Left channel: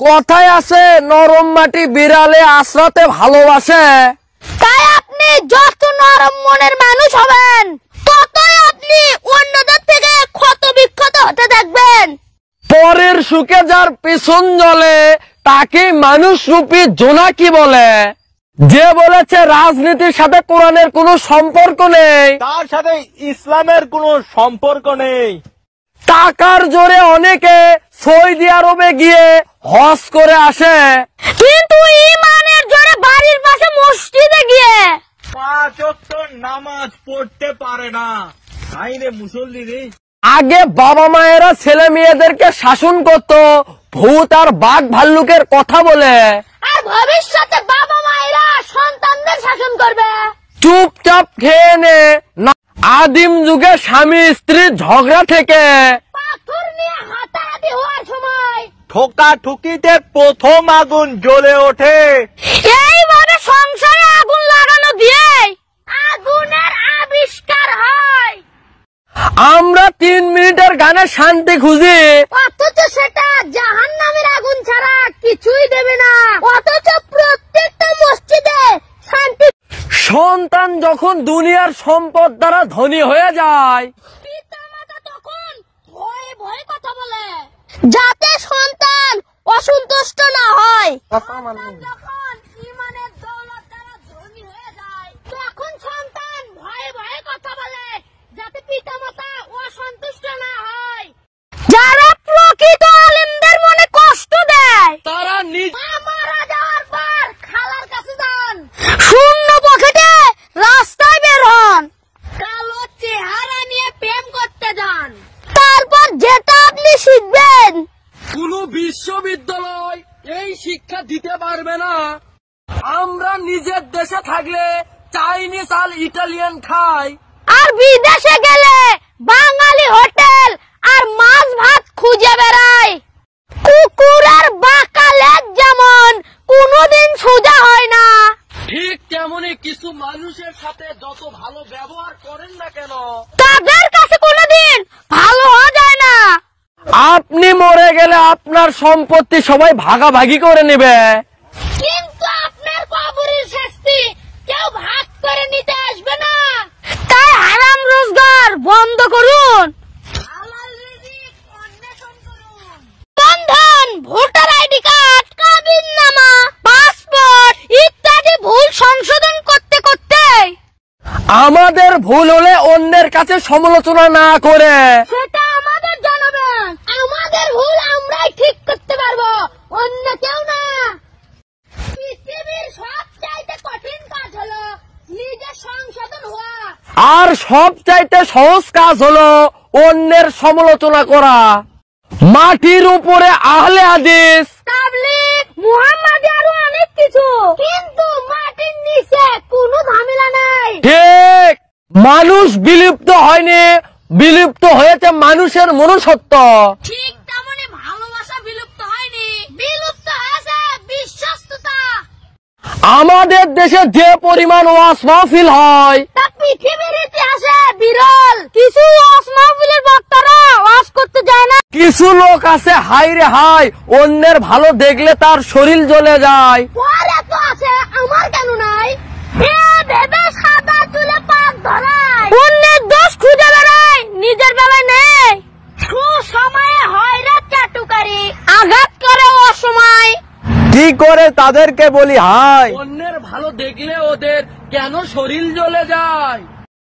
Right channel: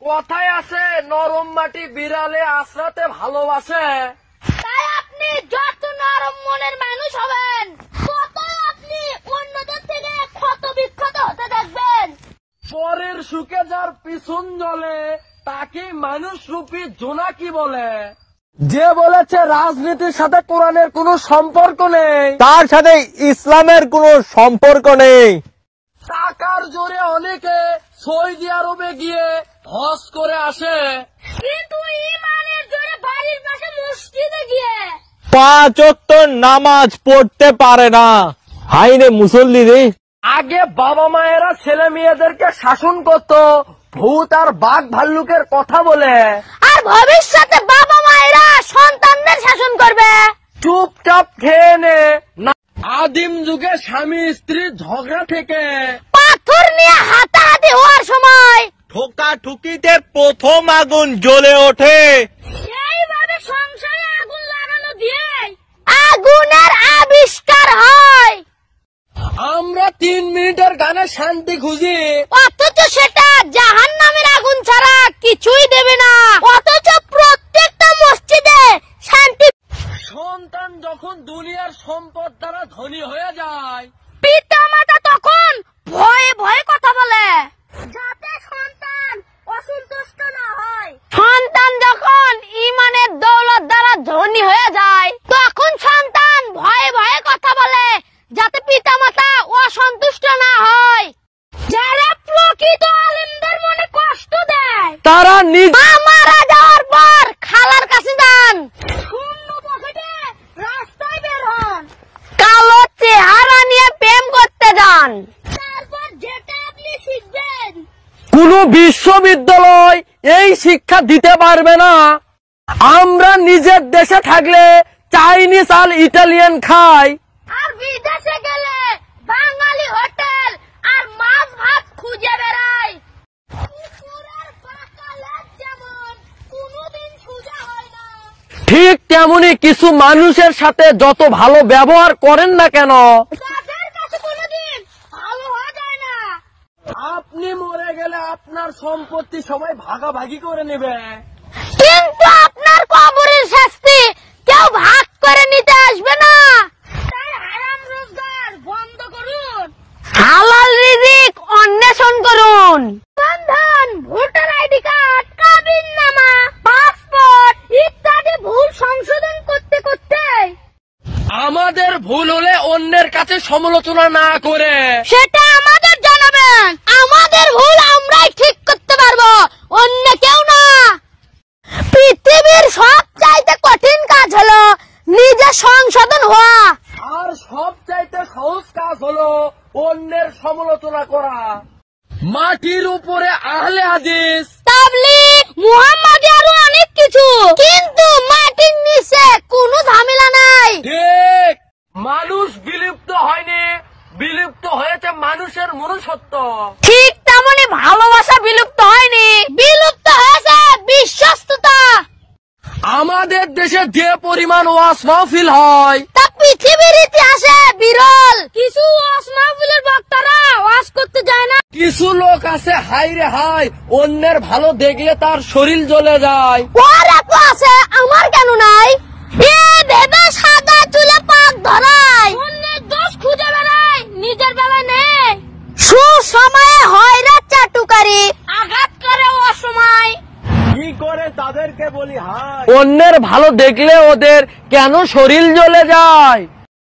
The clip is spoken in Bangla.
কথায় আছে নরম মাটি বিড়ালে আশ্রাতে ভালোবাসে। তাই আপনি যত নরম মনের মানুষ হবেন ততই আপনি অন্যদের থেকে ক্ষত বিক্ষত হতে থাকবেন। পরের সুখে যার পিছন জ্বলে তাকে মানুষ রূপী জোনাকি বলে। যে বলেছে রাজনীতির সাথে কোরআনের কোনো সম্পর্ক নেই, তার সাথে ইসলামের কোনো সম্পর্ক নেই। টাকার জোরে অনেকে সৌদি আরবে গিয়ে হজ করে আসে, কিন্তু ঈমানের জোরে বাড়ির পাশে মসজিদে গিয়ে 5 ওয়াক্ত নামাজ পড়তে পারে না। হাইরে মুসল্লি রে। আগে বাবা মায়েরা ছেলে মেয়েদেরকে শাসন করত ভূত আর বাঘ ভাল্লুকের কথা বলে, আর ভবিষ্যতে বাবা মায়েরা সন্তানদের শাসন করবে। চুপচাপ খেয়ে নে। আদিম যুগে স্বামী স্ত্রীর ঝগড়া থেকে পাথর নিয়ে হাতাহাতি হওয়ার সময় ঠোকা ঠুকিতে প্রথম আগুন জ্বলে ওঠে। এইভাবে সংসারে আগুন লাগানো দিয়ে আগুনের আবিষ্কার হয়। আমরা 3 মিনিটের গানে শান্তি খুঁজি, অথচ সেটা জাহান্নামের আগুন ছাড়া কিছুই দেবে না। অথচ প্রত্যেকটা মসজিদে শান্তি। সন্তান যখন দুনিয়ার সম্পদ দ্বারা ধনী হয়ে যায়, পিতা মাতা তখন ভয়ে ভয়ে কথা বলে যাতে সন্তান অসন্তুষ্ট না হয়। সন্তান যখন ঈমানের দৌলত দ্বারা ধনী হয়ে যায় তখন সন্তান ভয়ে ভয়ে কথা বলে যাতে পিতা মাতা অসন্তুষ্ট না হয়। যারা প্রকৃত আলেমদের মনে কষ্ট দেয় তারা নিজে মারা যাওয়ার পর খালার কাছে যান, শূন্য পকেটে রাস্তায় বের হন, কালো চেহারা নিয়ে প্রেম করতে যান। তারপর যেটা আপনি শিখবেন কোনো বিশ্ববিদ্যালয় এই শিক্ষা দিতে পারবে না। আমরা নিজের দেশে থাকলে চাইনিজ আর ইটালিয়ান খাই, আর বিদেশে গেলে বাঙালি হোটেল আর মাছ ভাত খুঁজে বেড়াই। কুকুরের বাঁকা লেজ যেমন কোনোদিন সোজা হয় না, ঠিক তেমনি কিছু মানুষের সাথে যত ভালো ব্যবহার করেন না কেন তাদের কাছে কোনোদিন ভালো হওয়া যায় না। আপনি মরে গেলে আপনার সম্পত্তি সবাই ভাগাভাগি করে নেবে, কিন্তু আপনার কবরের শাস্তি কেউ ভাগ করে নিতে আসবে না। তাই হারাম রোজগার বন্ধ করুন, হালাল রিজিক অন্বেষণ করুন। বন্ধন, ভোটার আইডি কার্ড, কাবিননামা, পাসপোর্ট ইত্যাদি ভুল সংশোধন করতে করতে আমাদের ভুল হলে অন্যের কাছে সমালোচনা না করে সেটা আমাদের জানাবেন। আমাদের ভুল আমরাই ঠিক করতে পারবো, অন্য কেউ না। পৃথিবীর সবচাইতে কঠিন কাজ হলো নিজে সংশোধন হওয়া, আর সবচাইতে সহজ কাজ হলো অন্যের সমালোচনা করা। মাটির উপরে আহলে হাদিস, তাবলীগ, মুহাম্মাদি আরো অনেক কিছু, কিন্তু মাটির নিচে কোনো ঝামেলা নাই। ঠিক, মানুষ বিলুপ্ত হয়নি, বিলুপ্ত হয়েছে মানুষের মনুষ্যত্ব। ঠিক তেমনি ভালোবাসা বিলুপ্ত হয়নি, বিলুপ্ত হয়েছে বিশ্বস্ততা। আমাদের দেশে যে পরিমাণ ওয়াজ মাহফিল হয় তা পৃথিবীর ইতিহাসে বিরল। কিছু ওয়াজ মাহফিলের বক্তারা ওয়াজ করতে যায় না। কিছু লোক আছে হাই রে হাই, অন্যের ভালো দেখলে তার শরীর জ্বলে যায়। ওর এত আছে, আমার কেন নাই? এ ভেবে সাদা চুলে পাক ধরায়, অন্যের দোষ খুঁজে বেড়ায়, নিজের বেলায় নেই। সুসময়ে হয় রে চাটুকারি, আঘাত করে অসময়। কি করে তাদেরকে বলি হাই? অন্যের ভালো দেখলে ওদের কেন শরীর জ্বলে যায়?